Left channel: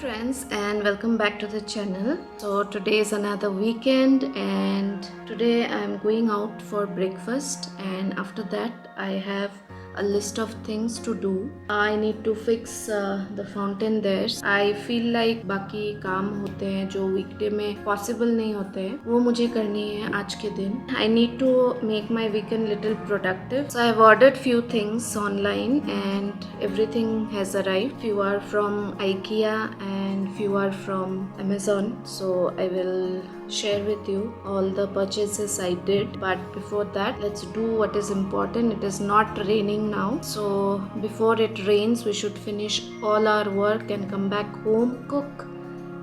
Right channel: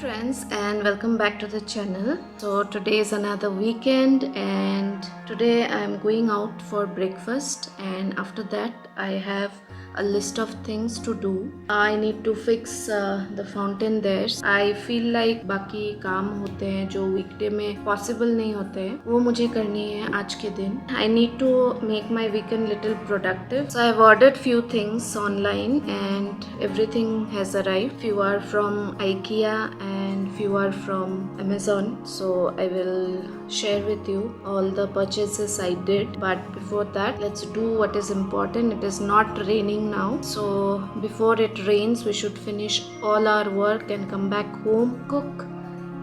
friends, and welcome back to the channel. So today is another weekend and today I'm going out for breakfast, and after that I have a list of things to do. I need to fix the fountain there. I feel like बाकी काम होते हैं जो वीकडे में possible नहीं होते हैं, वो मुझे करनी है आज के दिन. I need to make my weekend little productive. So I've ordered few things online and everything has arrived. Few are from IKEA and few are from Amazon. So I will share with you all the purchases I did. But before that, let's do what is important. It is not raining now. So before it rains, we should finish all our work and come back home, cook,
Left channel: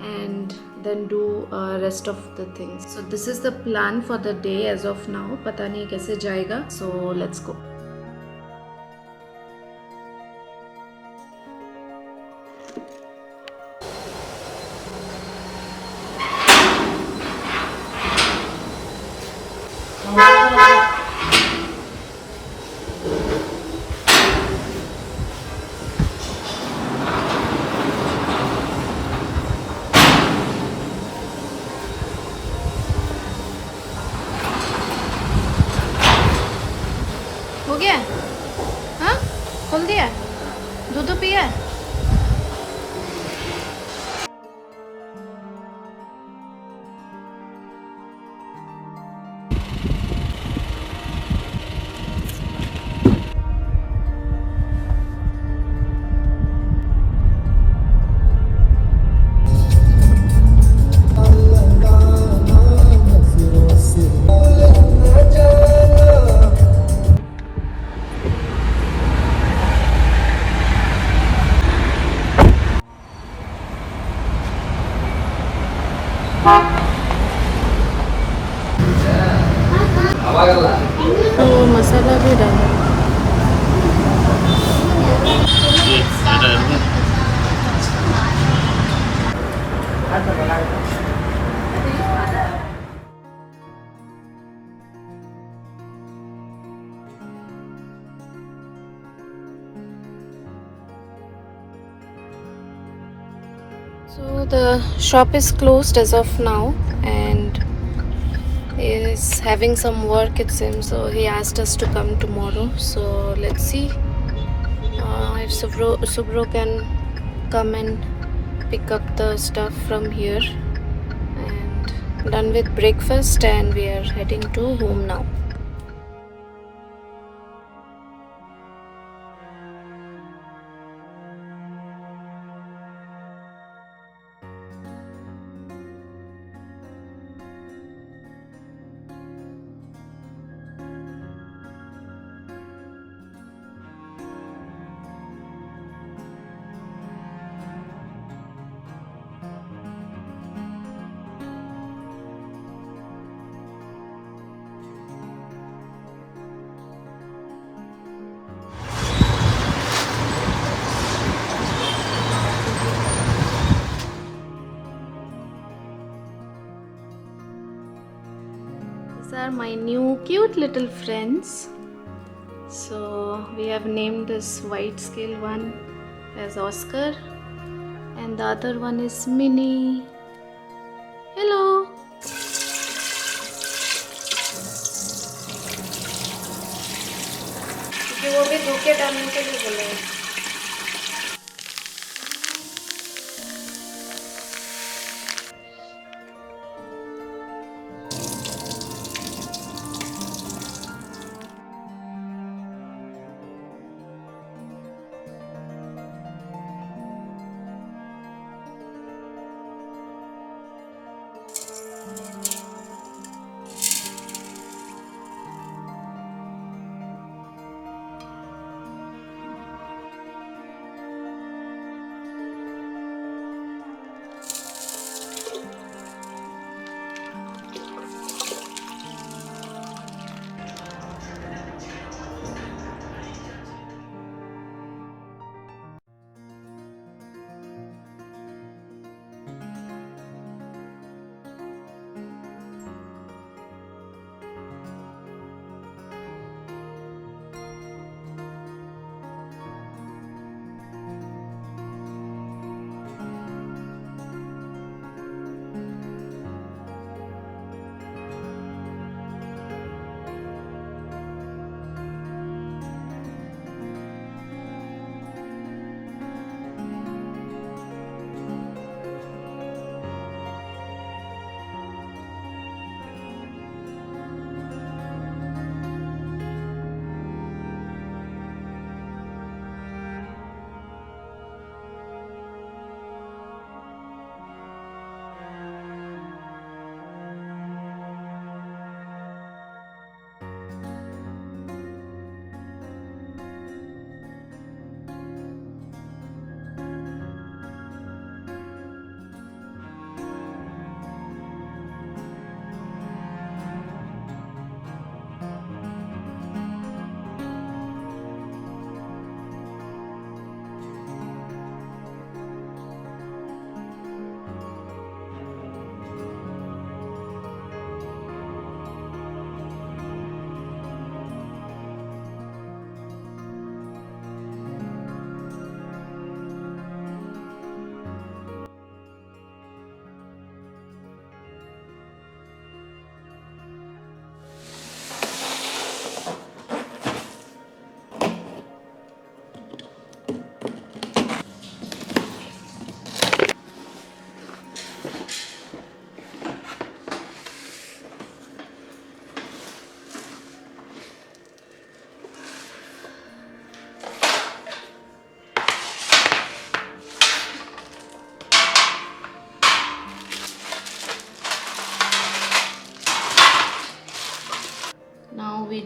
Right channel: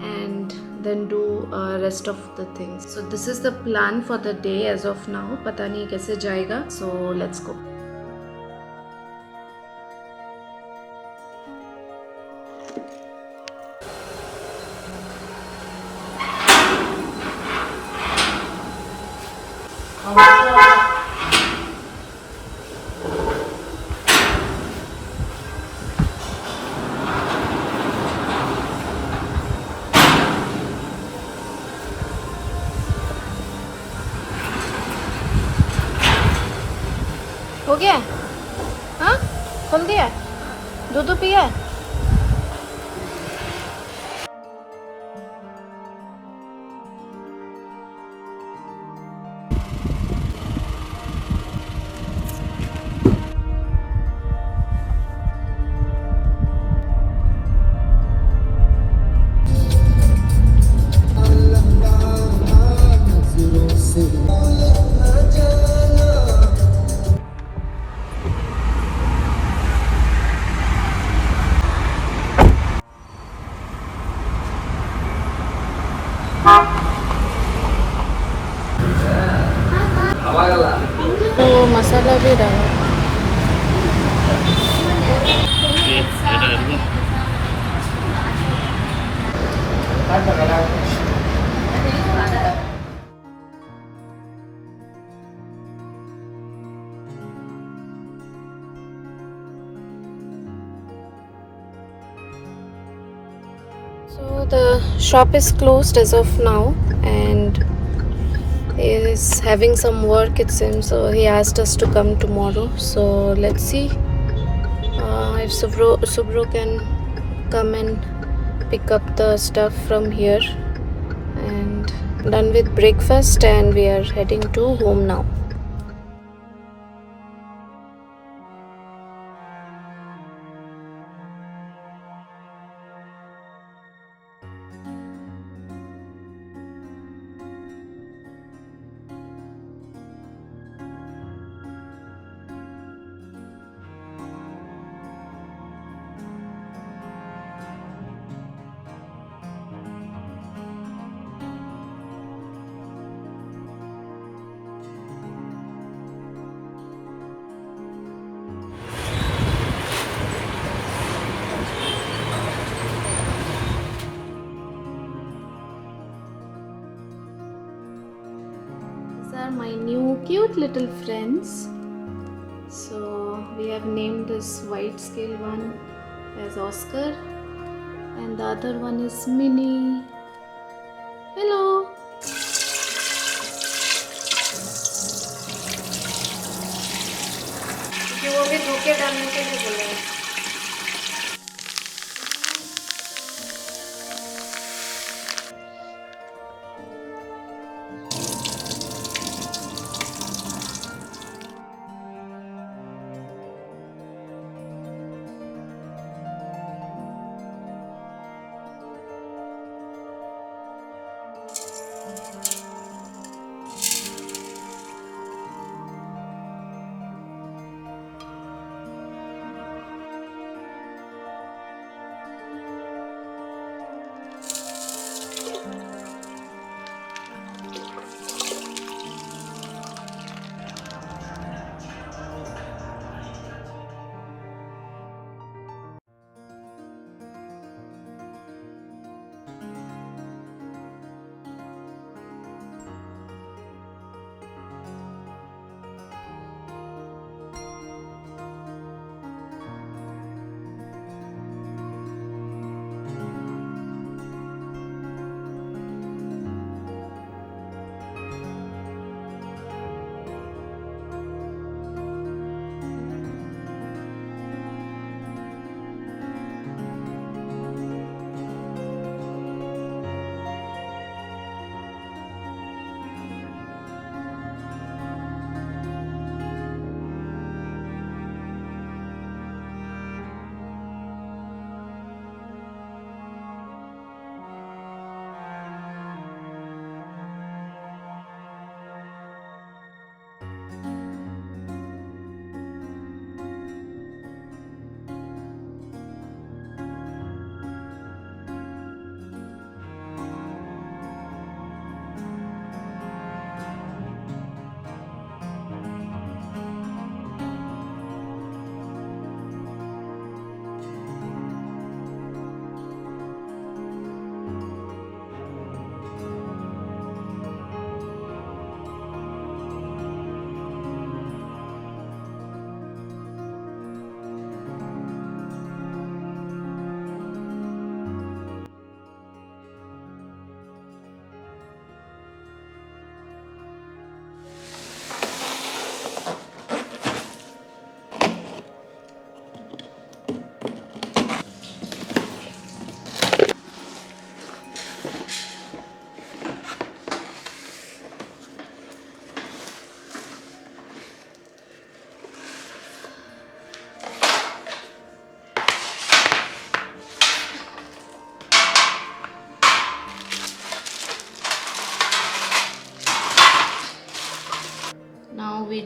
and then do rest of the things. So this is the plan for the day as of now. पता नहीं कैसे जाएगा. So let's go. हो गया? हाँ, खोल दिया? दूध पिया? तो मसाला भी डाला. So the shop is closed as of now, and he is having some work it seems, so he asked us to come tomorrow. So let's see if Subro can come and pick up the stuff from here. And done with breakfast and we are heading to home now. These are my new cute little friends. So we have named this white scale one as Oscar, and the other one is Minnie. Hello. क्योंकि वो भी धोखे डालने के लिए बोले हैं.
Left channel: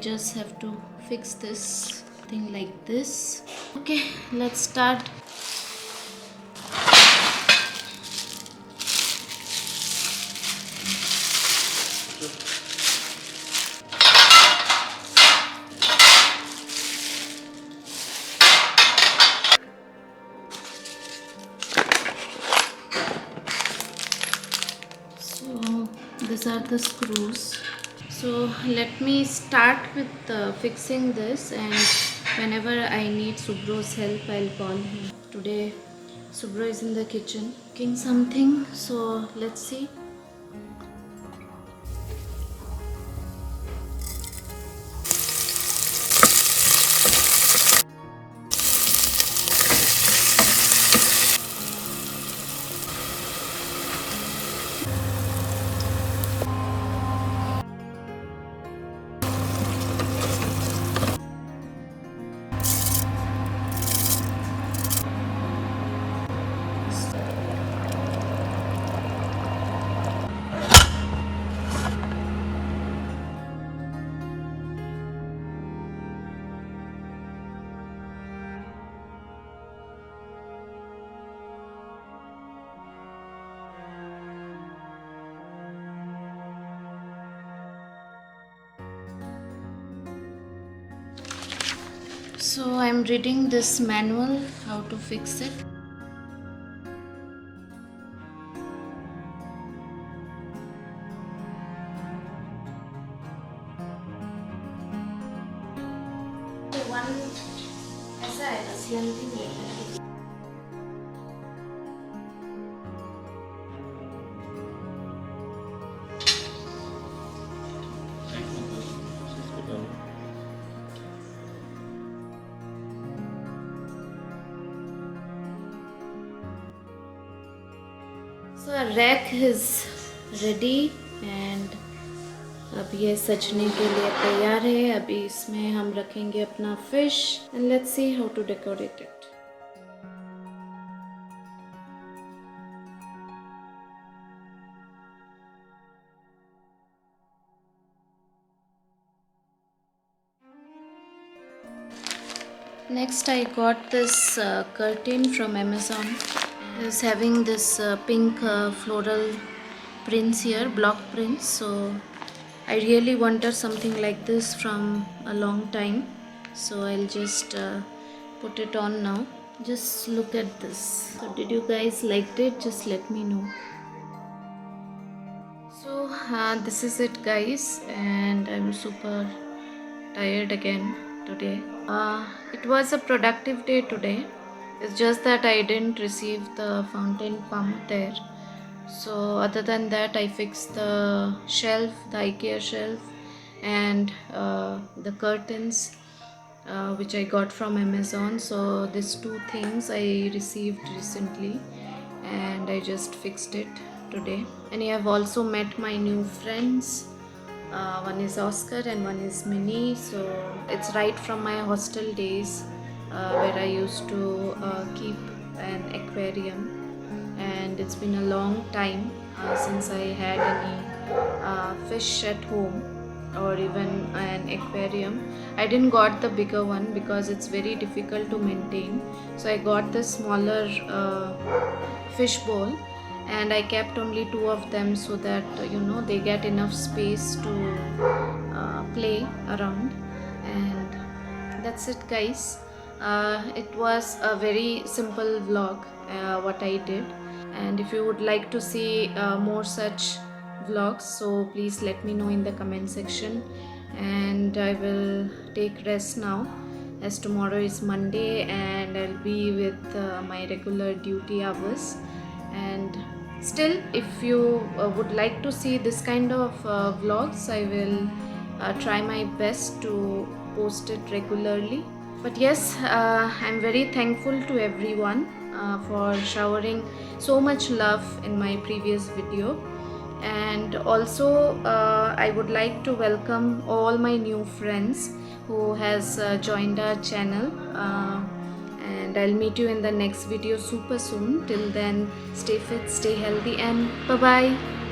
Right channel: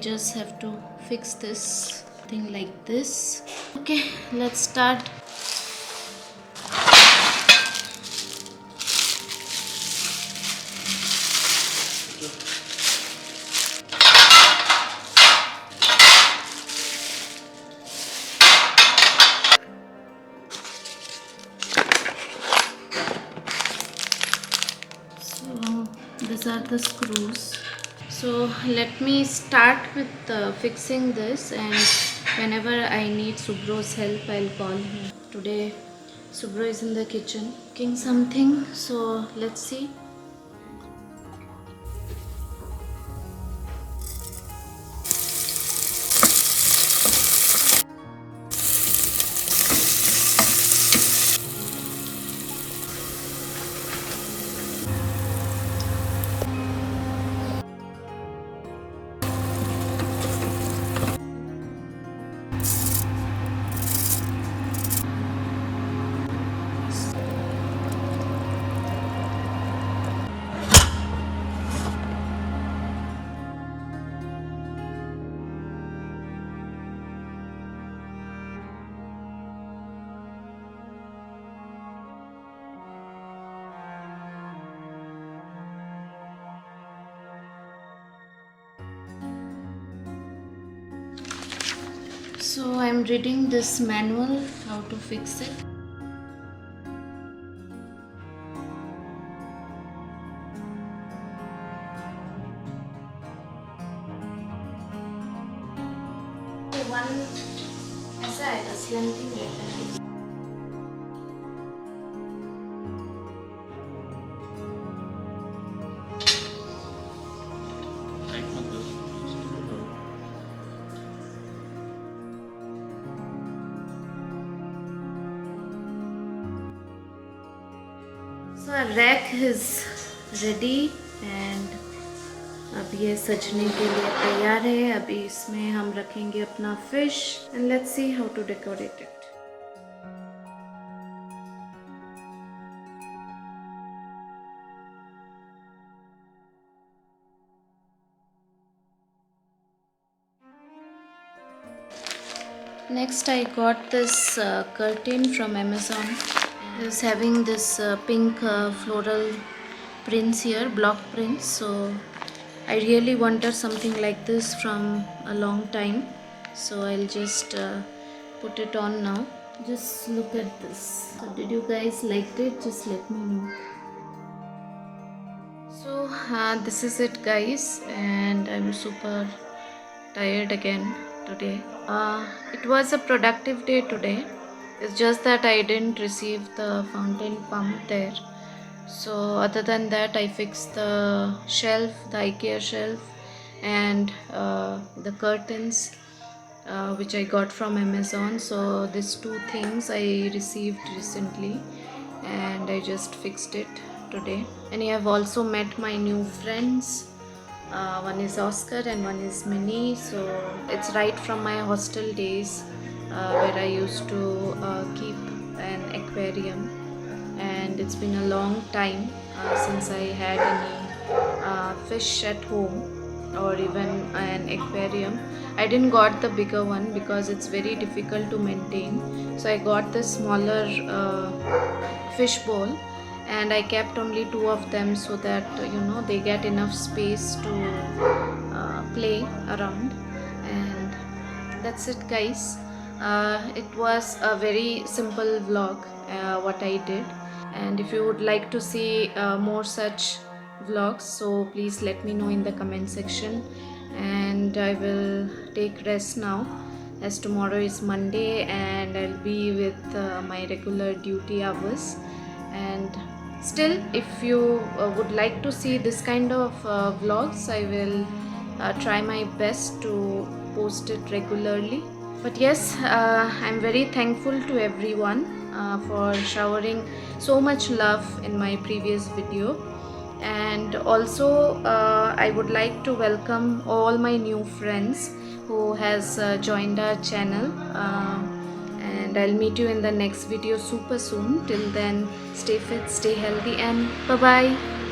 just have to fix this thing like this. Okay, let's start. So these are the screws. So let me start with fixing this, and whenever I need Subro's help, I'll call him. Today Subro is in the kitchen cooking something, so let's see. So I'm reading this manual how to fix it. One ऐसा है slanting रहता है. So our rack is ready and अब ये सजने के लिए तैयार है. अभी इसमें हम रखेंगे अपना fish and let's see how to decorate it. Next I got this curtain from Amazon. It's having this pink floral prints here, block prints. So I really wanted something like this from a long time, so I'll just put it on now. Just look at this. So did you guys like it? Just let me know. So this is it guys, and I'm super tired again today. It was a productive day today. It's just that I didn't receive the fountain pump there. So other than that, I fixed the shelf, the IKEA shelf, and the curtains which I got from Amazon. So these two things I received recently, and I just fixed it today. And I have also met my new friends. One is Oscar and one is Minnie. So it's right from my hostel days where I used to keep an aquarium, and it's been a long time since I had any fish at home or even an aquarium. I didn't got the bigger one because it's very difficult to maintain, so I got the smaller fish bowl, and I kept only two of them so that they get enough space to play around. And that's it guys. It was a very simple vlog what I did, and if you would like to see more such vlogs, so please let me know in the comment section. And I will take rest now, as tomorrow is Monday and I'll be with my regular duty hours. And still, if you would like to see this kind of vlogs, I will try my best to post it regularly. But yes, I'm very thankful to everyone for showering so much love in my previous video. And also I would like to welcome all my new friends who has joined our channel, and I'll meet you in the next video super soon. Till then, stay fit, stay healthy, and bye bye.